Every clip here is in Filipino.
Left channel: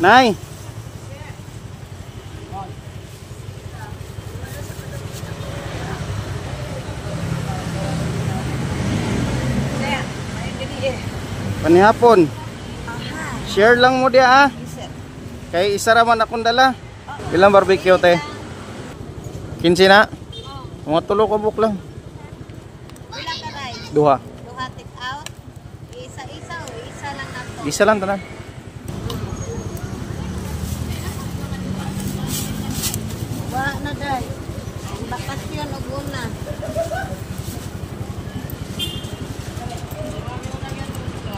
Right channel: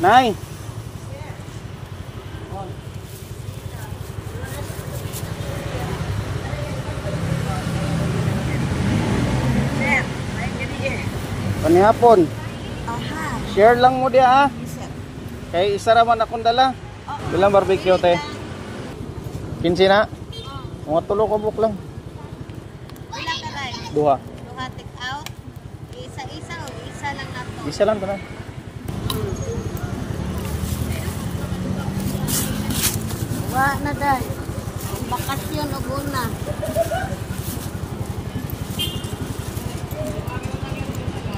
Nay. Kani hapon. Share lang mo dia Kay isa raman akong dala. Ilang barbecue te? 15 na? Mga tulo ka buk lang. Ilang karay? Duha. Duha take out. Isa-isa o isa lang nato. Isa lang tanan. Wa na day. Bakas yan og una.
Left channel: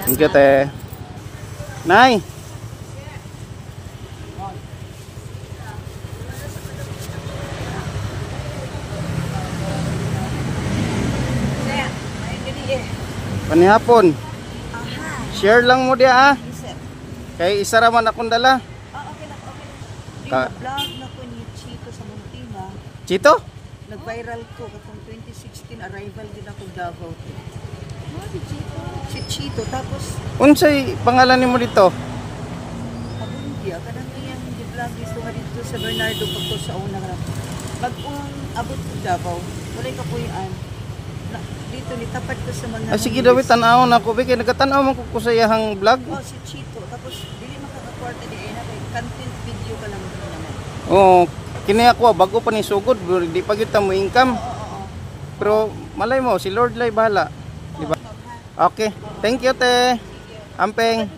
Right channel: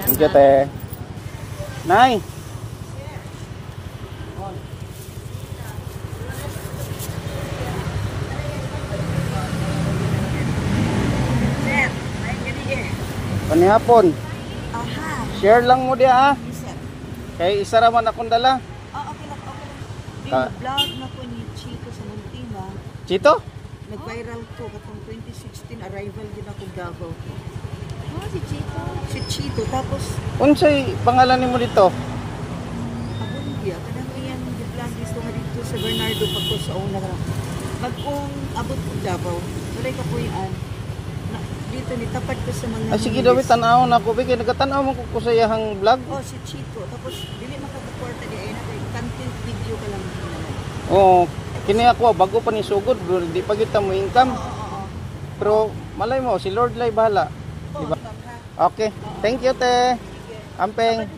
Thank you te. Nay. Kani hapon. Share lang mo dia Kay isa raman akong dala. Okay na, okay na. Vlog na ko ni Chito sa Muntina. Chito? Nag-viral ko katong 2016 arrival din ako Davao. Si Chito. Si Chito tapos Unsay pangalan nimo dito? ako niya kanang iyang vlog gusto nga dito sa Bernardo pagko sa una ra. Pag-ung abot ko Davao, walay ka puyan. Dito ni tapat ko sa mga Sige David, tanaw na ko. Kaya nagkatanaw man ko sa iyahang vlog. Oh, si Chito. Tapos dili makaka-kwarta di ay na kay kanting video ka lang. Oo, kini ako bago pa ni sugod, bro, di pa kita mo income. Oo. Pero malay mo si Lord lay bahala. Diba? Okay. Thank you te. Ampeng.